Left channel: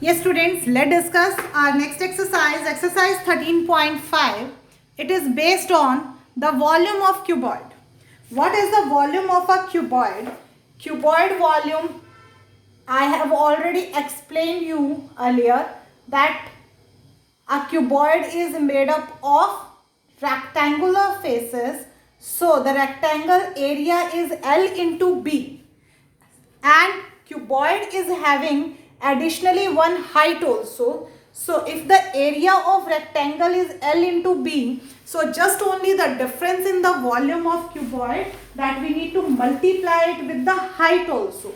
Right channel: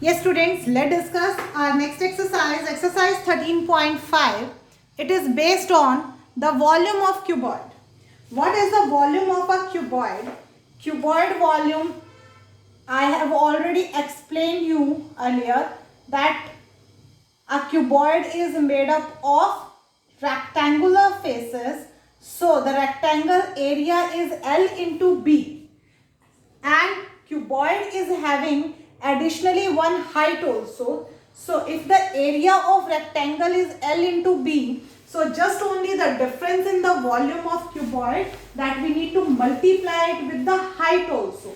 Yes students, let's discuss our next exercise, exercise 13.5. It is based on the volume of cuboid. What is the volume of a cuboid? Cuboid volume, I have already explained you earlier that a cuboid is made up of rectangular faces. So the rectangle area is L into B. And cuboid is having additionally one height also. So if the area of rectangle is L into B, so just only the difference in the volume of cuboid, that we need to multiply it with the height also.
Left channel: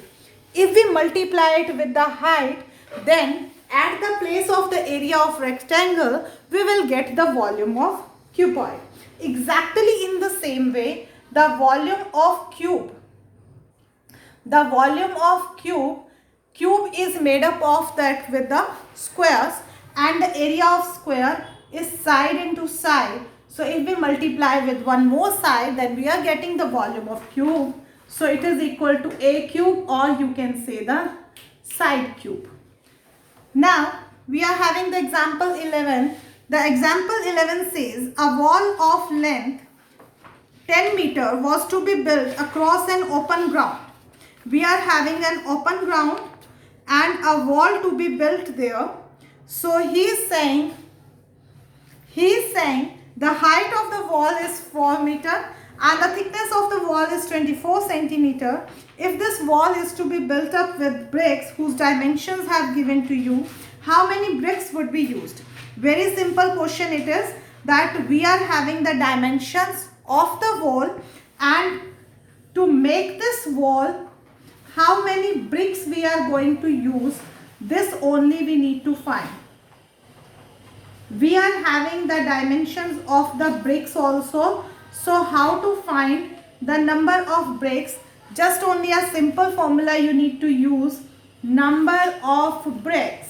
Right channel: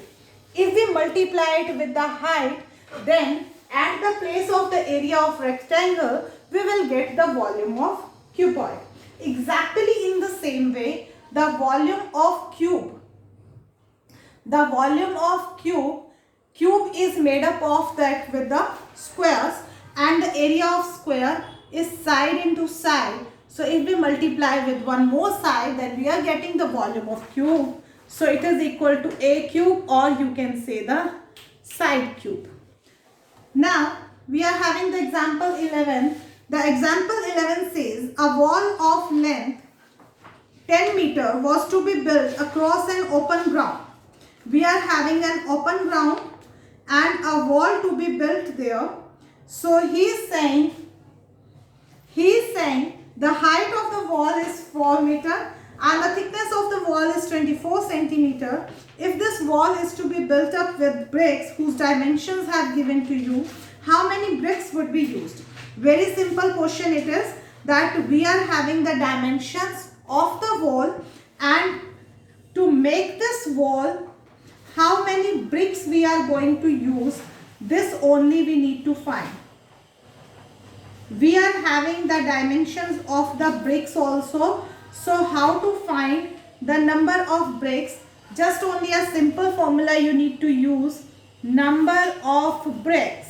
If we multiply it with the height, then at the place of the area of rectangle, we will get the volume of cuboid. Exactly in the same way, the volume of cube is made up of that with the squares, and the area of square is side into side. So if we multiply with one more side, then we are getting the volume of cube. So it is equal to a cube, or you can say the side cube. Now we are having the example 11. The example 11 says a wall of length 10 meter was to be built across an open ground. We are having an open ground and a wall to be built there. So he is saying the height of the wall is 4 meter and the thickness of the wall is 24 centimeter. If this wall is to be built up with bricks whose dimensions have given to you, how many bricks would be used? Very simple question it is, that we are having the dimensions of the wall, and to make this wall, how many bricks we are going to use, this only we need to find. We are having the dimensions of the bricks also. So how to find the number of bricks? Just only a simple formula you need to use. Number of bricks.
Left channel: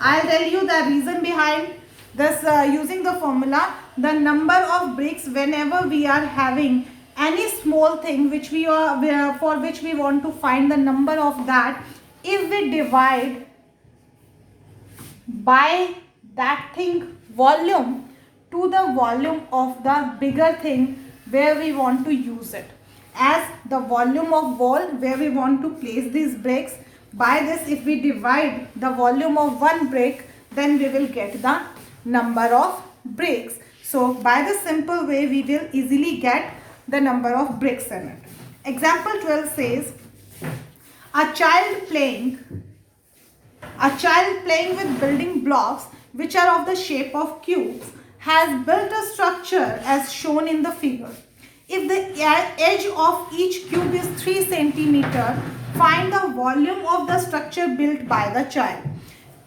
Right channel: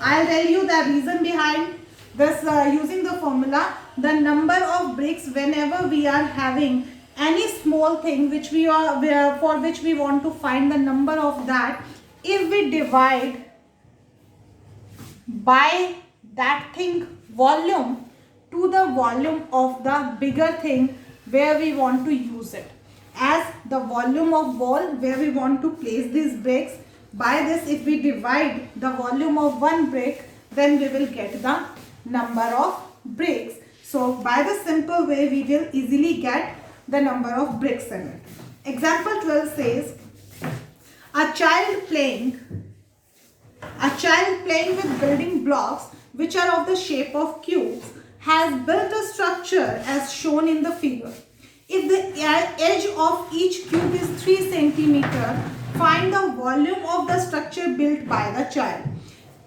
I'll tell you the reason behind this using the formula. The number of bricks, whenever we are having any small thing which for which we want to find the number of that, if we divide by that thing volume to the volume of the bigger thing where we want to use it, as the volume of wall where we want to place these bricks, by this if we divide the volume of one brick, then we will get the number of bricks. So by the simple way we will easily get the number of bricks in it. Example 12 says a child playing with building blocks which are of the shape of cubes has built a structure as shown in the figure. If the edge of each cube is 3 centimeter, find the volume of the structure built by the child.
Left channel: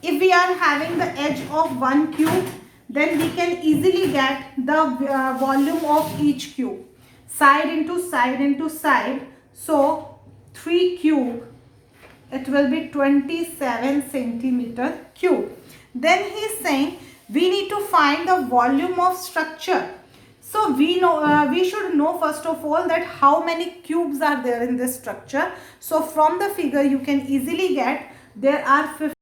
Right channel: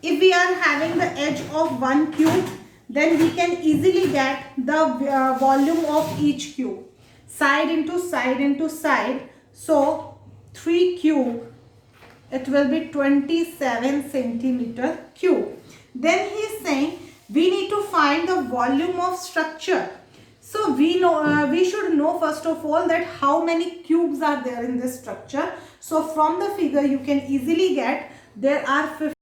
If we are having the edge of one cube, then we can easily get the volume of each cube. Side into side into side. So 3 cube, it will be 27 centimeter cube. Then he is saying we need to find the volume of structure. So we should know first of all that how many cubes are there in this structure. So from the figure you can easily get there are 50